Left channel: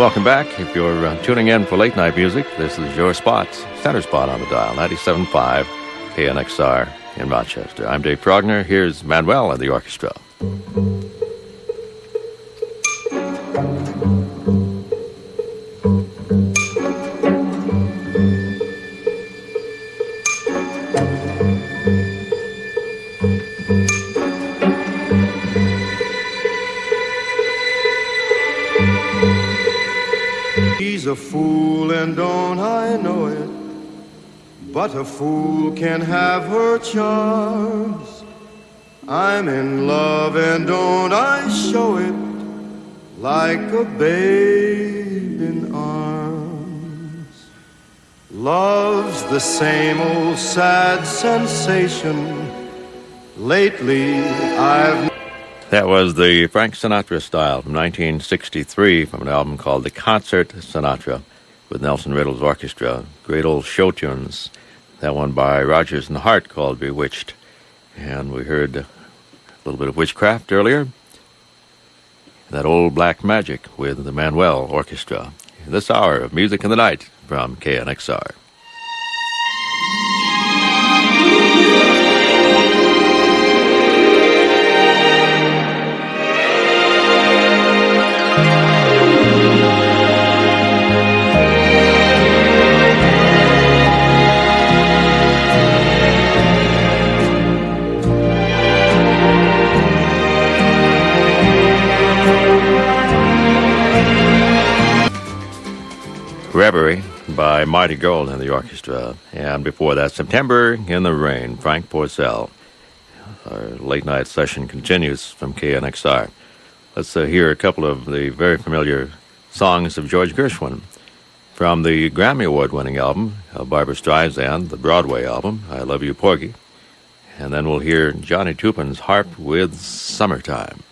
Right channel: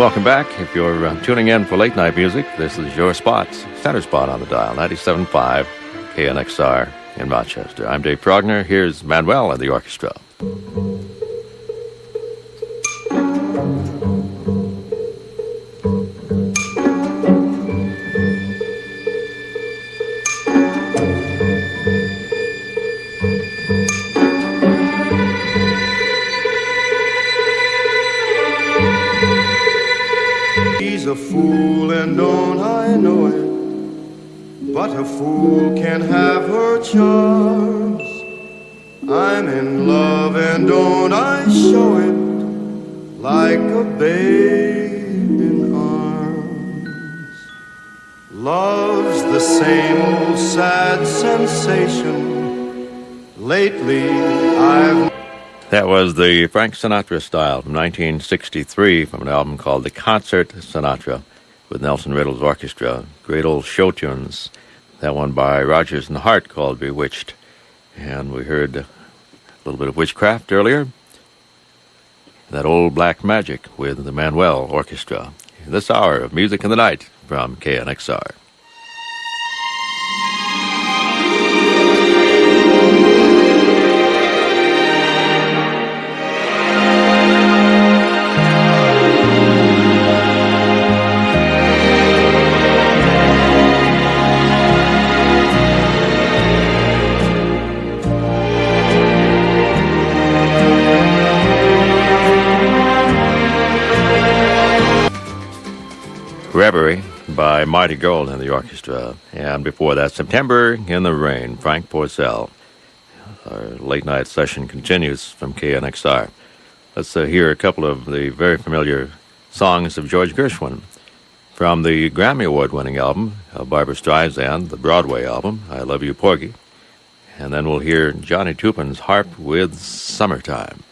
Welcome back. If you're tuning in for late night music, this is your spot, center spot on the dial, 97.5 KNXR in Rochester. I'm Dave Progner. Here's Manuel and the orchestra. She's a fool and don't I know it, but a fool can have her charms. I'm in love and don't I show it, like a babe in arms. Love's the same old sad sensation. Lately I've... That was the Frank Sinatra style from 1963 from an album called The Concert Sinatra with Nelson Riddle's orchestra. Great old show tunes. That one by Rodgers and Hart called Bewitched. And we heard a little bit of Witchcraft earlier. That old Black Magic with the Manuel Orchestra. This hour of Music in the Night from KNXR. Reverie by Marty Gold and the orchestra. And before that, September in the Rain, Frank Porcell. Our late night session continues from KNXR. Let's hear a couple of the very familiar songs of George Gershwin from the Grammy Award-winning album of Barbra Streisand, the Broadway album, I Love You, Porgy. And then we'll hear Johnny Tupin's harp with Summertime.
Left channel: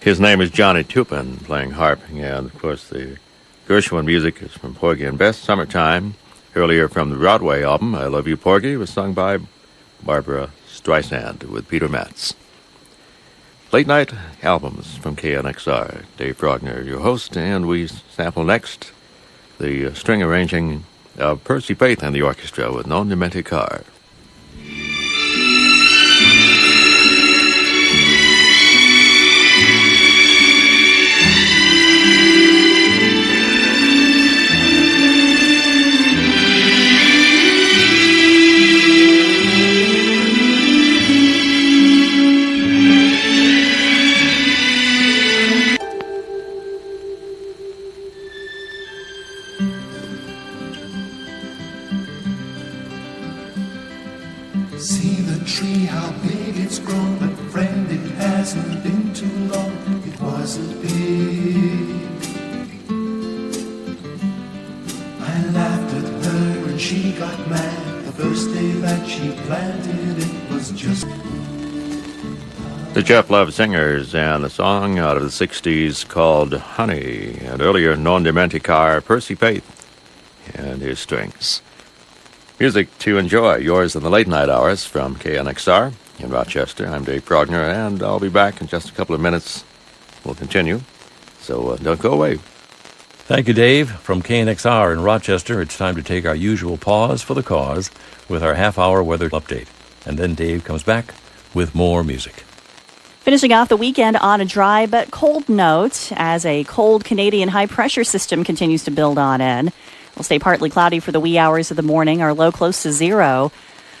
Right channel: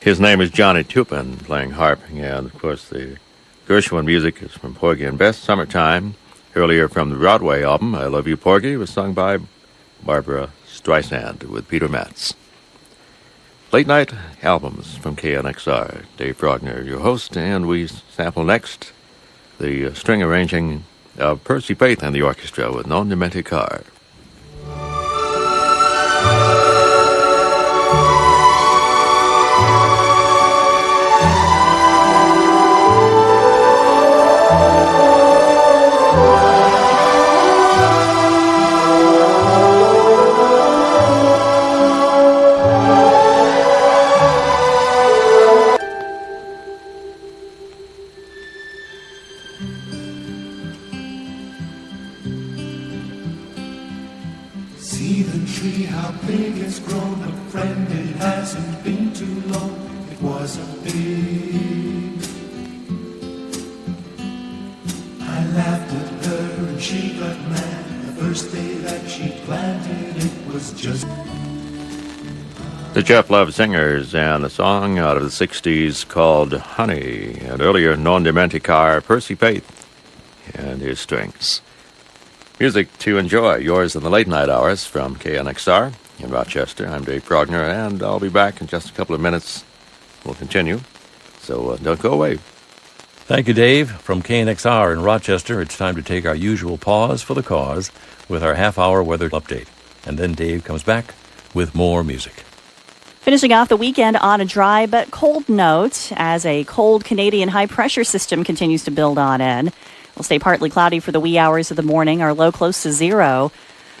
His name is Johnny Tupin, playing harp, and of course the Gershwin music is from Porgy and Bess, Summertime. Earlier from the Broadway album, I Love You, Porgy, was sung by Barbra Streisand with Peter Matz. Late night albums from KNXR. Dave Progner, your host, and we sample next the string arranging of Percy Faith and the orchestra with Non Dimenticar. See the tree, how big it's grown, but friend, it hasn't been too long. It was a babe. I laughed at her and she got mad. The first day that she planted, it was just... The Jeff Love Singers and a song out of the 60s called Honey. And earlier, Non Dimenticar, Percy Faith and his strings. Music to enjoy, yours in the late night hours from KNXR in Rochester. I'm Dave Progner, and I'll be back in just a couple of minutes. We'll continue, so don't go away. Thank you, Dave. From KNXR in Rochester, it's time to take our usual pause for the cause with our half-hour weather update. And then Dave comes back with more music. Finishing off the weekend on a dry but cold note as a cold Canadian high-pressure system continues to build on in. It'll stay partly cloudy for the wee hours of the morning, our low close to zero.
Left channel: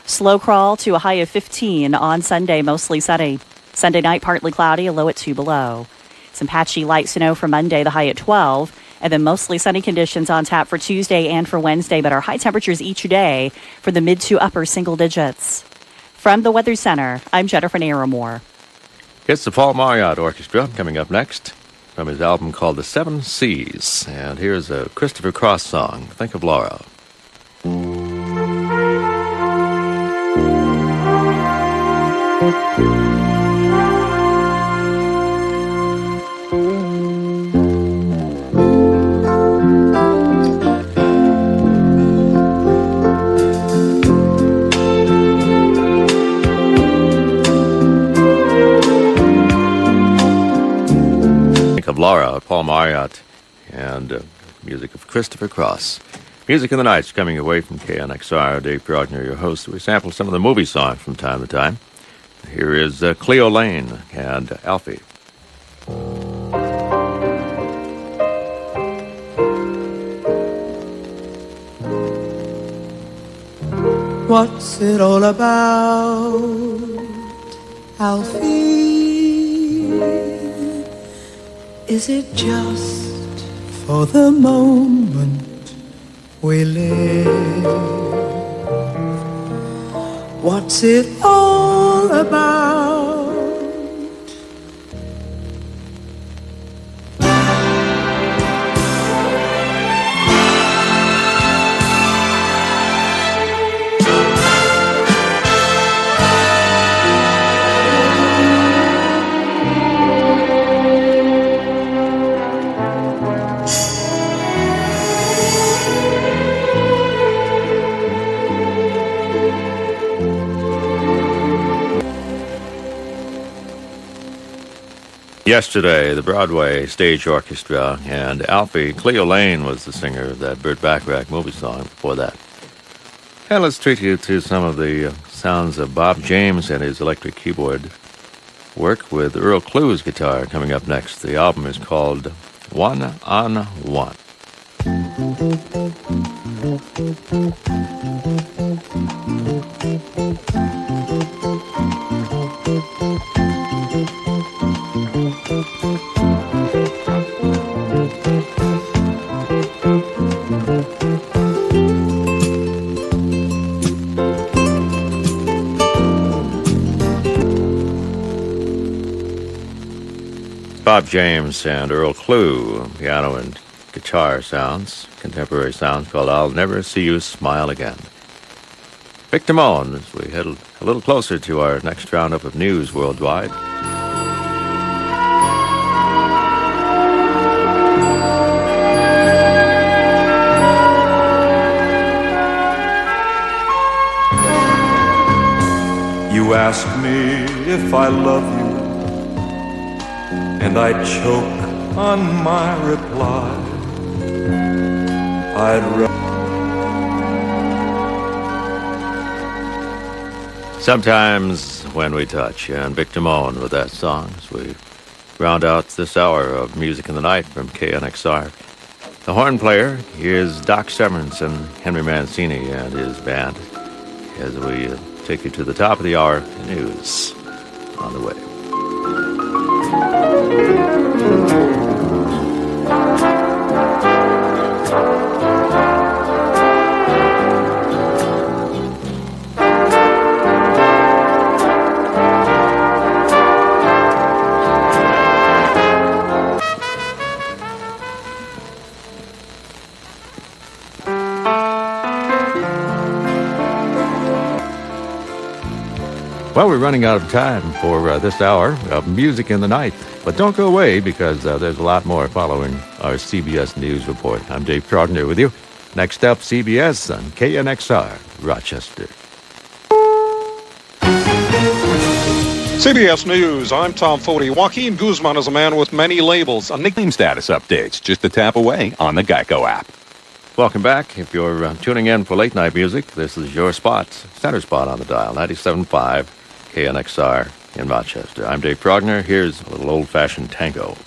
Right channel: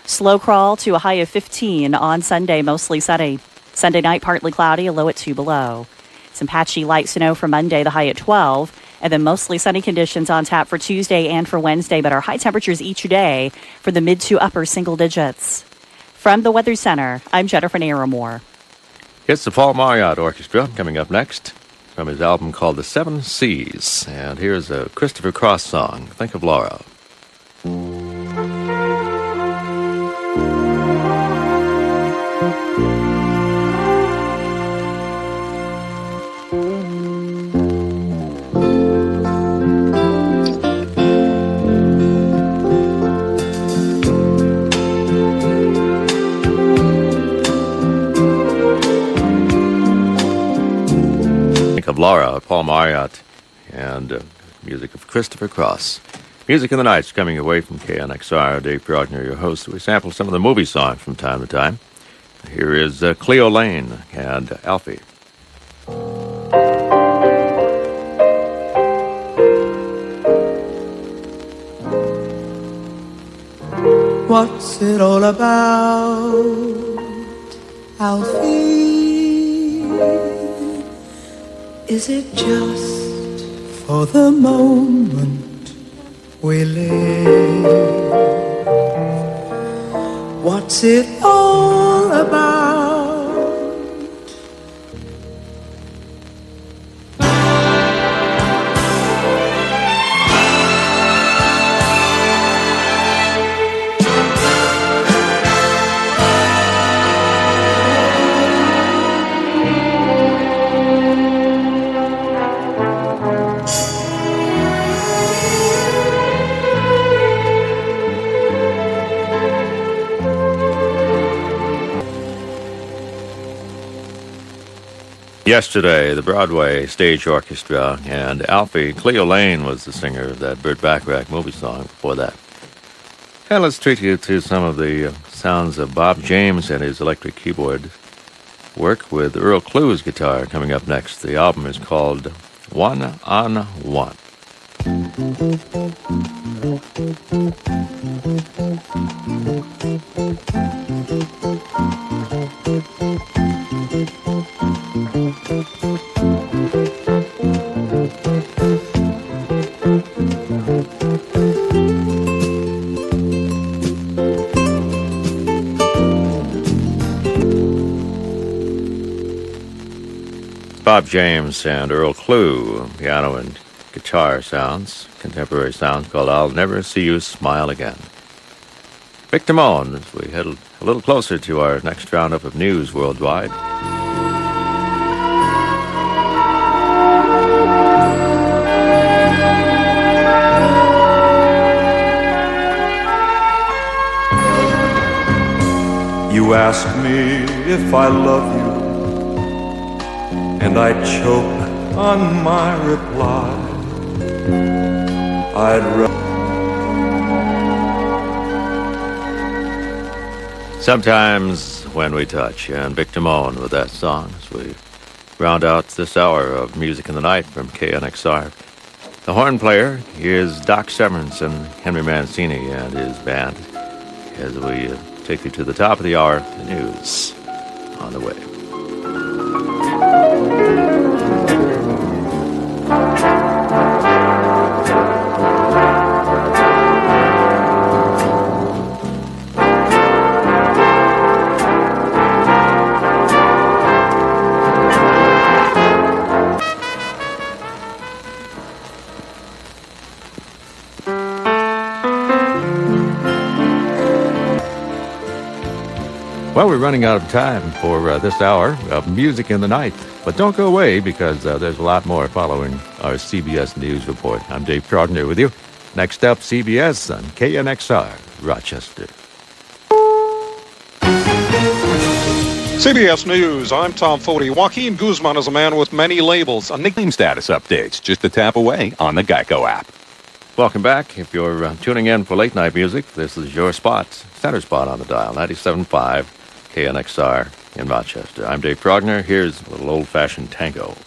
Slow crawl to a high of 15 on Sunday, mostly sunny. Sunday night, partly cloudy, a low at 2 below. Some patchy light snow for Monday, the high at 12. And then mostly sunny conditions on tap for Tuesday and for Wednesday, but our high temperatures each day for the mid to upper single digits. From the Weather Center, I'm Jennifer Naramore. It's the Paul Marriott Orchestra coming up next from his album called The Seven Seas. And here's a Christopher Cross song, Think of Laura. Of Laura, Paul Marriott, and music of Christopher Cross. Music in the Night's coming away from KNXR. Dave Progner, your host. We sample some of the movie songs from time to time. Here is Cleo Lane and Alfie. What's it all about, Alfie? Is it just for the moment we live? What's it all about? Yesterday, the Broadway Stage Orchestra, and Alfie. Cleo Lane was the singer of that Burt Bacharach movie song before that. And let's treat you to some of the sounds of Bob James and his electric keyboard work with Earl Clue's guitar coming up next. The album is called One on One. Bob James and Earl Clue, piano and guitar sounds, contemporary sounds called I'll Never See You Smile Again. Vic Damone, as we head a little closer to our next roundup of news worldwide. You ask me if I love you, and I choke on my reply. I'd Sometimes When We Touch, and Vic Damone with that song as we round out this hour of Music in the Night from KNXR. The horn player is Doc Severance and Henry Mancini and his band as we take you to the top of the hour. The news on the way. Well, we're running out of time for this hour of Music in the Night. But don't go away because there's a lot more following our CBS News Report. I'm Dave Progner with you. Next up, CBS on KNXR, Rochester. CBS News, I'm Tom Foti. Joaquin Guzman is a man with many labels. A nickname status updates just a tap away on the Geico app. Welcome back. If you're tuning in for late night music, this is your spot, center spot on the dial, 97.5 KNXR in Rochester. I'm Dave Progner. Here's a little old-fashioned tango.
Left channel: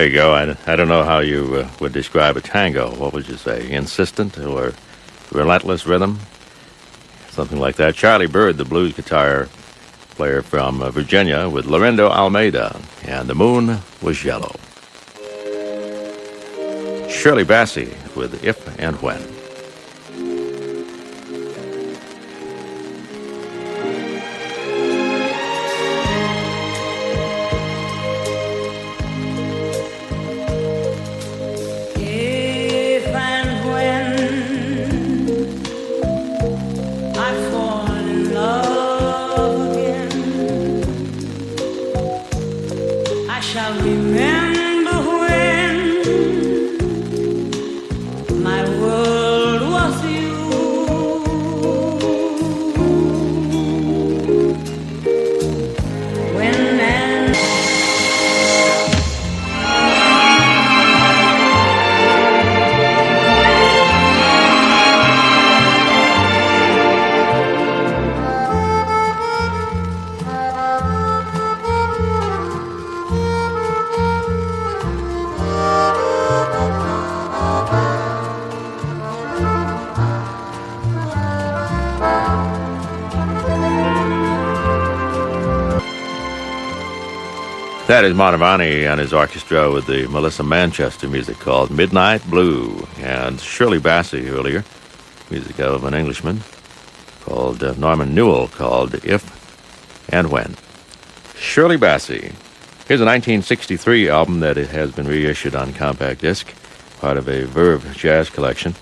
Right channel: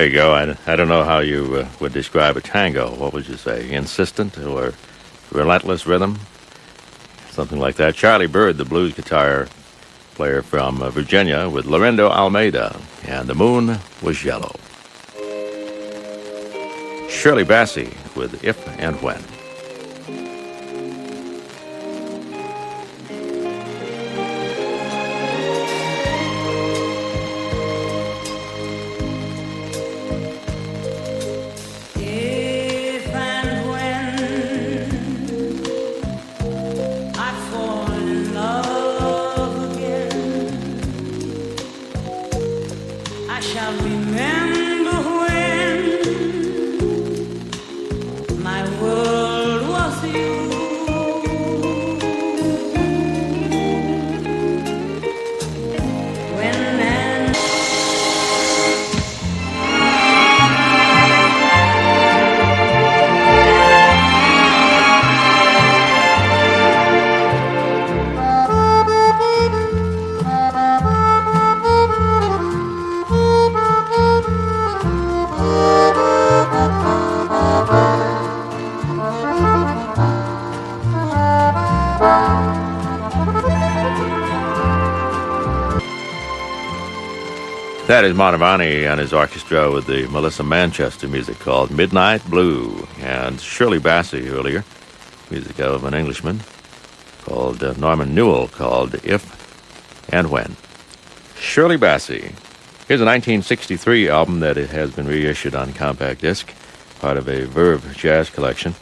There you go. I don't know how you would describe a tango. What would you say? Insistent or relentless rhythm? Something like that. Charlie Bird, the blues guitar player from Virginia, with Lorenzo Almeida, and The Moon Was Yellow. Shirley Bassey with If and When. If and when I fall in love again, I shall remember when my world was you. When and That is Mantovani and his orchestra with the Melissa Manchester music called Midnight Blue, and Shirley Bassey earlier, music of an Englishman called Norman Newell, called If and When. Shirley Bassey. Here's a 1963 album that it has been reissued on compact disc, part of a Verve jazz collection,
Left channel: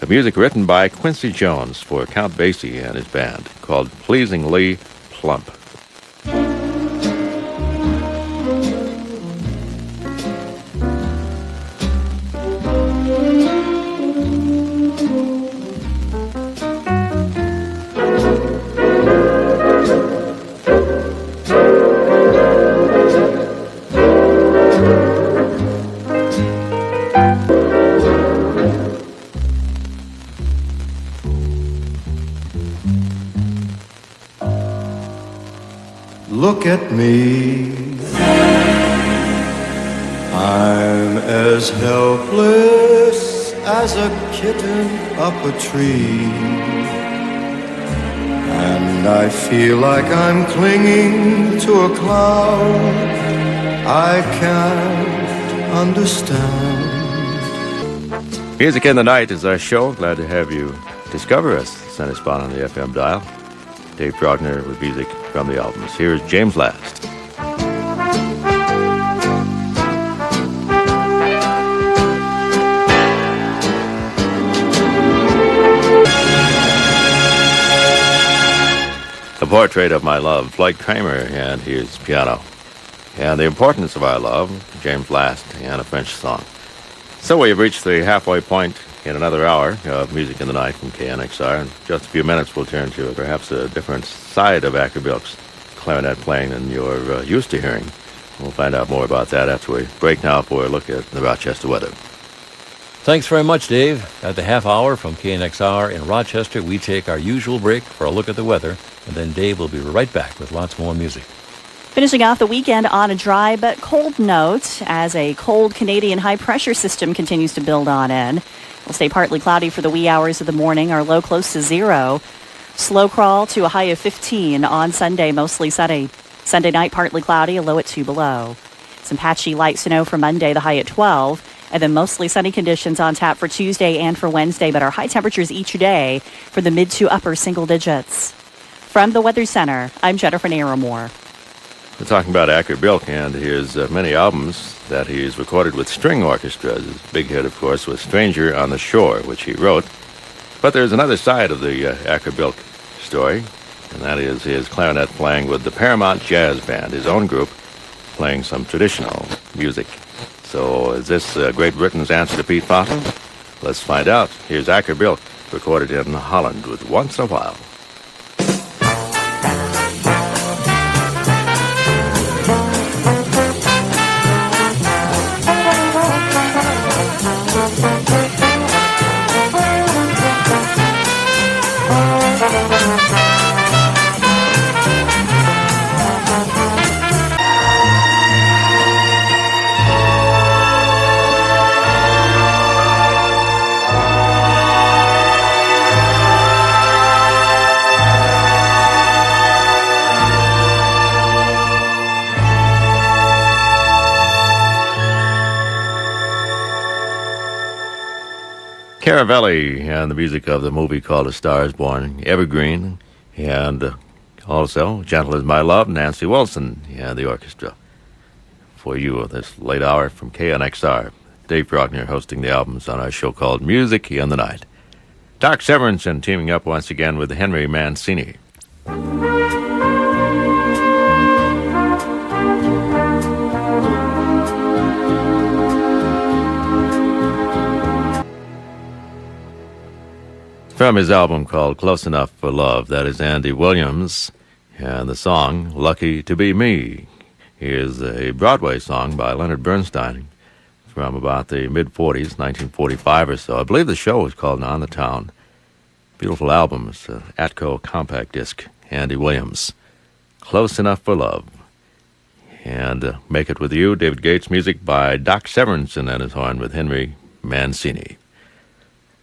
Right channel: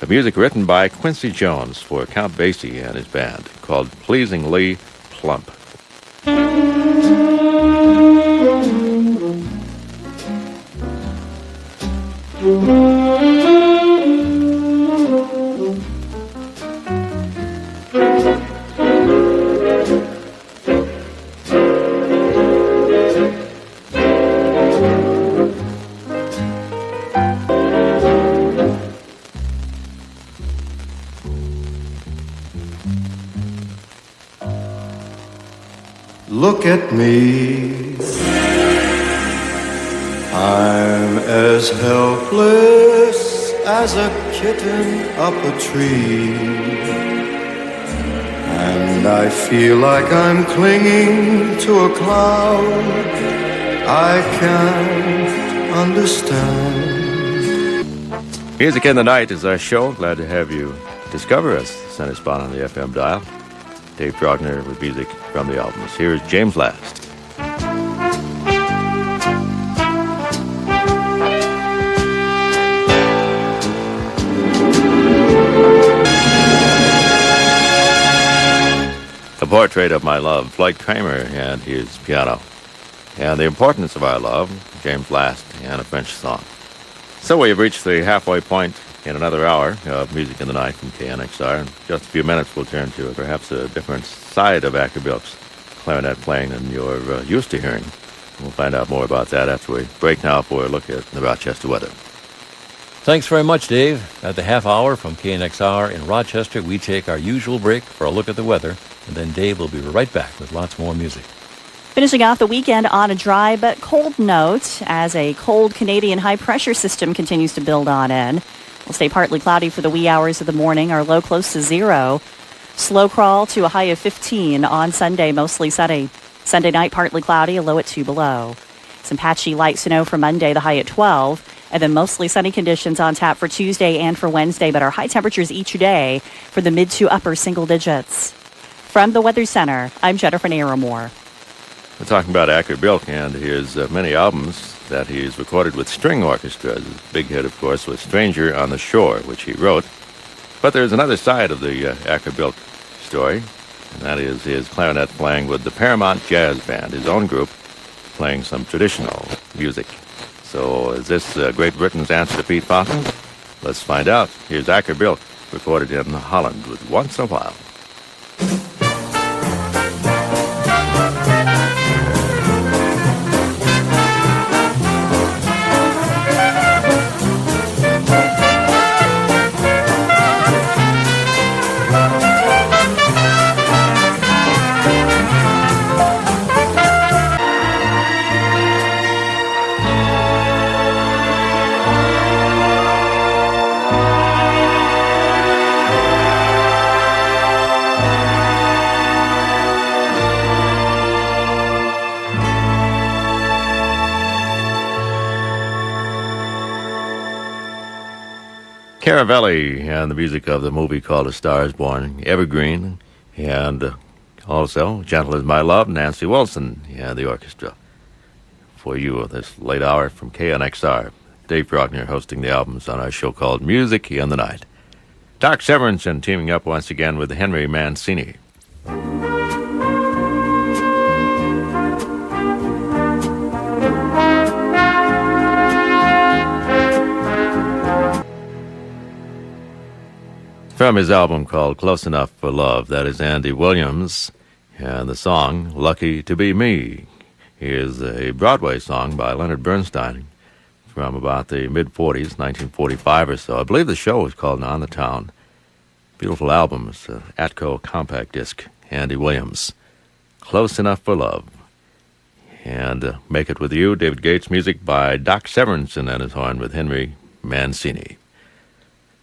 of music written by Quincy Jones for Count Basie and his band, called Pleasingly Plump. Look at me, I'm as helpless as a kitten up a tree, and I feel like I'm clinging to a cloud I can't understand. Music in the Night is our show. Glad to have you discover us. Center spot on the FM dial. Dave Progner with music from the albums. Here's James Last. A Portrait of My Love, Floyd Kramer and his piano. And The Importance of Our Love, James Last, and a French song. So we have reached the halfway point in another hour of Music in the Night from KNXR. In just a few minutes, we'll turn to perhaps a different side of Acker Bilk's clarinet playing than you're used to hearing. We'll find out more about that after we break now for a look at the Rochester weather. Thanks very much, Dave. At the half hour from KNXR in Rochester, we take our usual break for a look at the weather, and then Dave will be right back with lots more music. Finishing off the weekend on a dry but cold note as a cold Canadian high-pressure system continues to build on in. We'll stay partly cloudy for the wee hours of the morning, our low close to 0. Slow crawl to a high of 15 on Sunday, mostly sunny. Sunday night, partly cloudy, a low at 2 below. Some patchy light snow for Monday, the high at 12. And then mostly sunny conditions on tap for Tuesday and for Wednesday, but our high temperatures each day for the mid to upper single digits. From the Weather Center, I'm Jennifer Naramore. We're talking about Acker Bilk and his many albums that he's recorded with string orchestras. His big hit, of course, was Stranger on the Shore, which he wrote. But there's another side of the Acker Bilk story, and that is his clarinet playing with the Paramount Jazz Band, his own group, playing some traditional music. So is this Great Britain's answer to Pete Fountain? Let's find out. Here's Acker Bilk, recorded in Holland with Once in a While. Caravelli and the music of the movie called A Star is Born, Evergreen, and also Gentle is My Love, Nancy Wilson and the orchestra. For you this late hour from KNXR. Dave Faulkner hosting the albums on our show called Music in the Night. Doc Severinsen teaming up once again with Henry Mancini. From his album called Close Enough for Love, that is Andy Williams, and the song Lucky to Be Me is a Broadway song by Leonard Bernstein from about the mid-40s, 1945 or so. I believe the show was called On the Town. Beautiful album. It's an Atco compact disc, Andy Williams. Close Enough for Love. And Make It With You, David Gates, music by Doc Severinsen and his horn with Henry Mancini.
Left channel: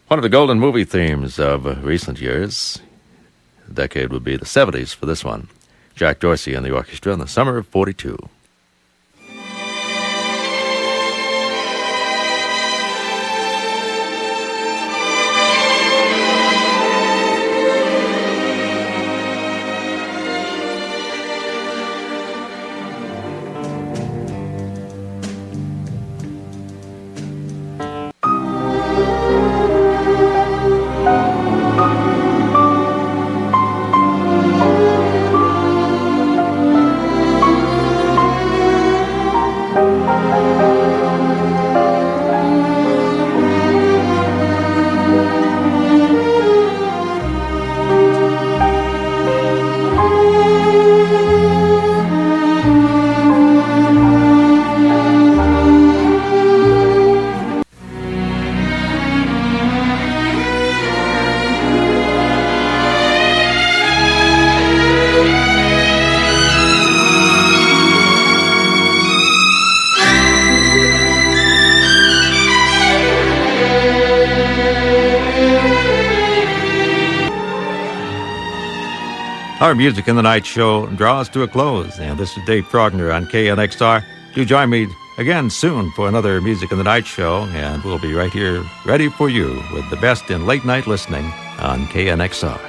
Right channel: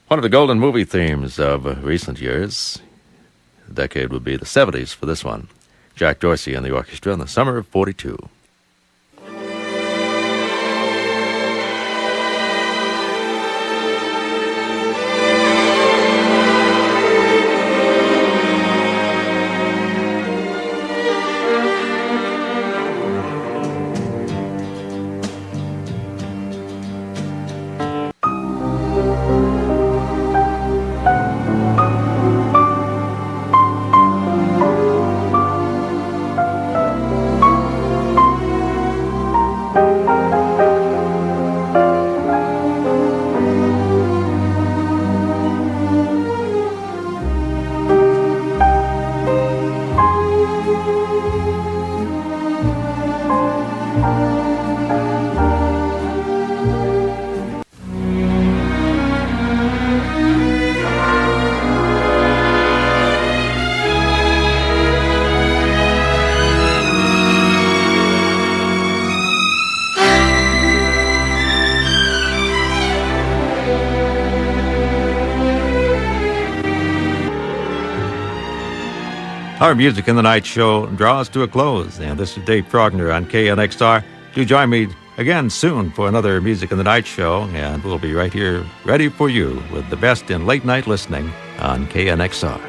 One of the golden movie themes of recent years, the decade would be the 70s for this one. Jack Dorsey and the orchestra in the summer of 42. Our Music in the Night show draws to a close, and this is Dave Faulkner on KNXR. Do join me again soon for another Music in the Night show, and we'll be right here ready for you with the best in late night listening on KNXR.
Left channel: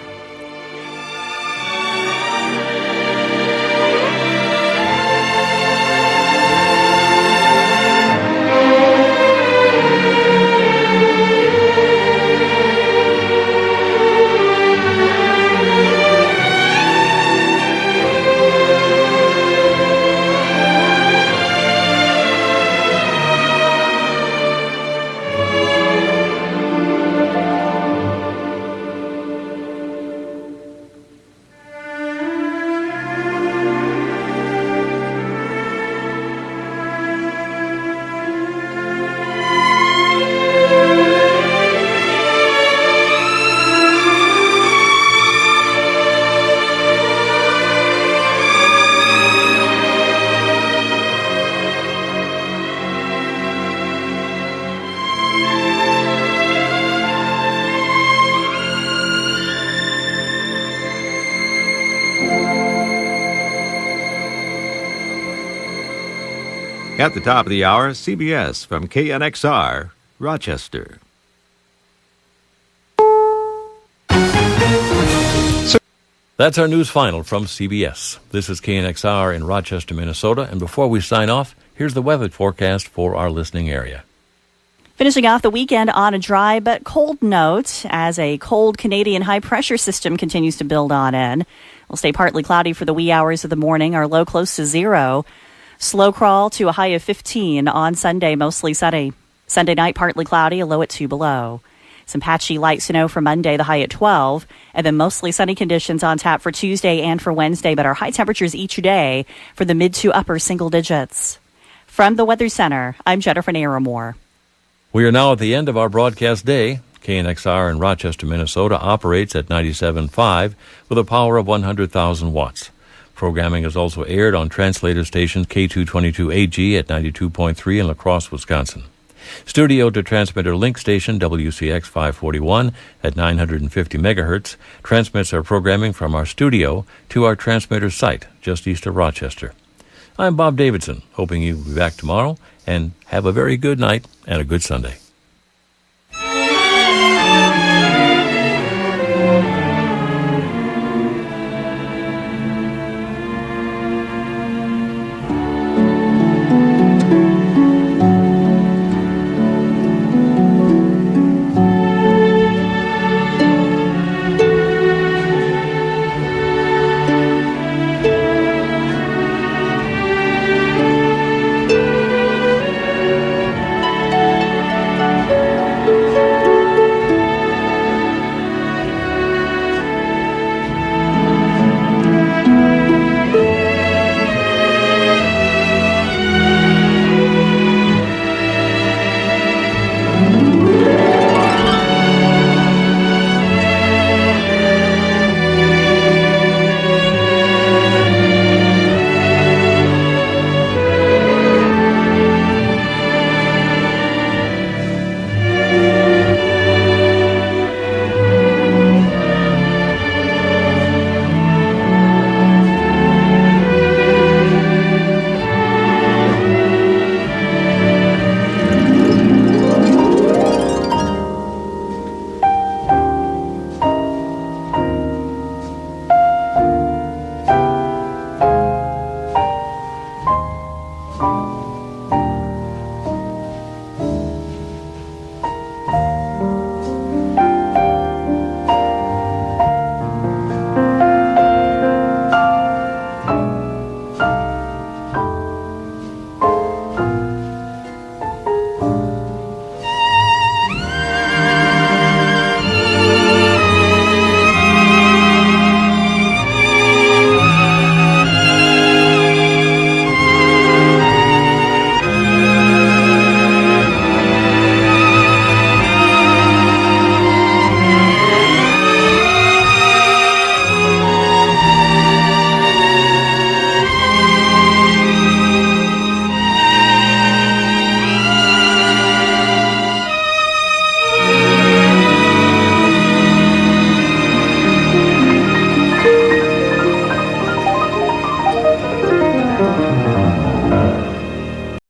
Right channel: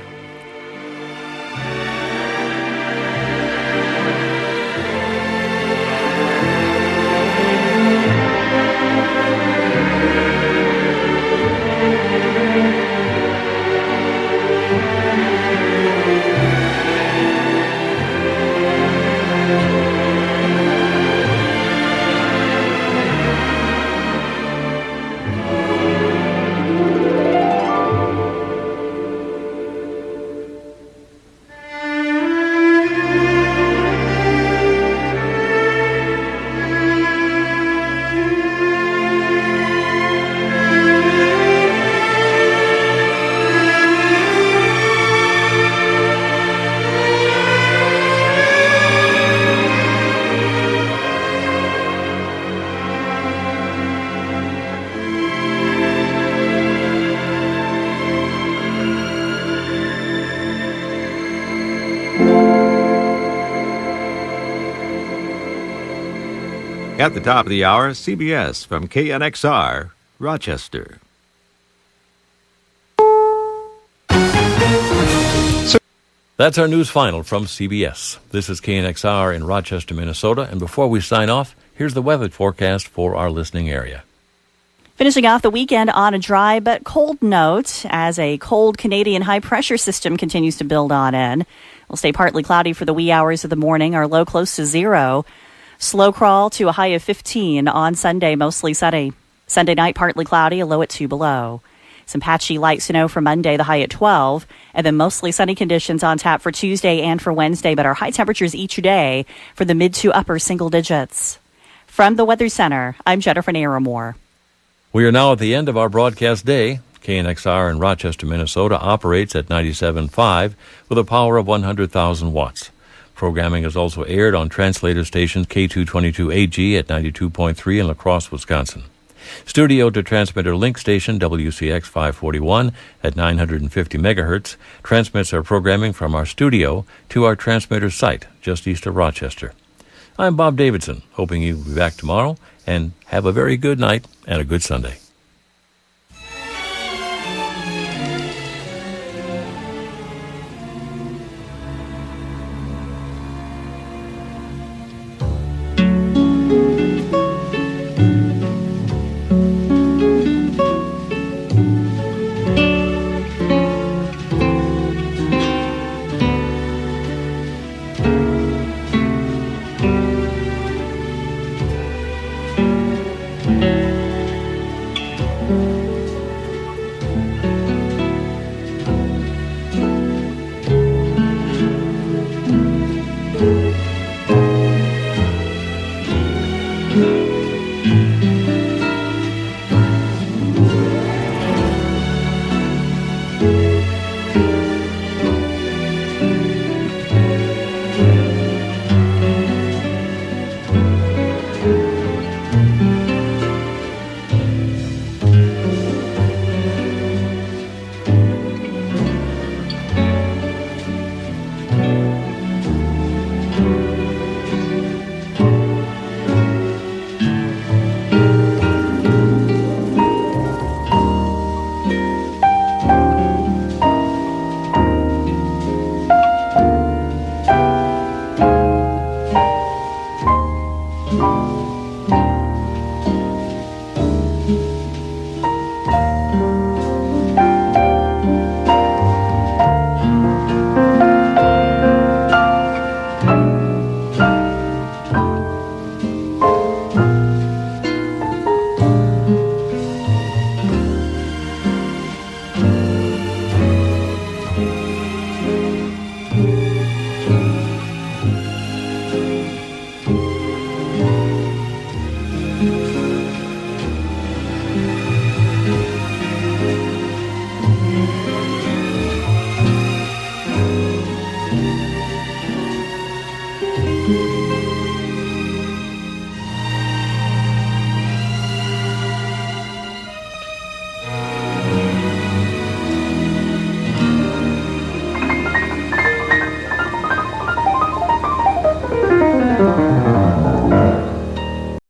At the top of the hour, CBS from KNXR, Rochester. That's our news final from CBS. This is KNXR in Rochester, Minnesota, and before we sign off, here's the weather forecast for our listening area. Finishing off the weekend on a dry but cold note as a cold Canadian high-pressure system continues to build on in. It'll stay partly cloudy for the wee hours of the morning, our low close to 0. Slow crawl to a high of 15 on Sunday, mostly sunny. Sunday night, partly cloudy, a low at 2 below. Some patchy light snow for Monday, the high at 12. And then mostly sunny conditions on tap for Tuesday and for Wednesday, but our high temperatures each day for the mid to upper single digits. From the Weather Center, I'm Jennifer Naramore. We are now at the end of our broadcast day. KNXR in Rochester, Minnesota operates at 97.5 with a power of 100,000 watts. Programming is also aired on translator station K222AG at 92.3 in La Crosse, Wisconsin. Studio to transmitter link station WCX 541 at 950 megahertz transmits our programming from our studio to our transmitter site just east of Rochester. I'm Bob Davidson, hoping you'll be back tomorrow, and have a very good night and a good Sunday.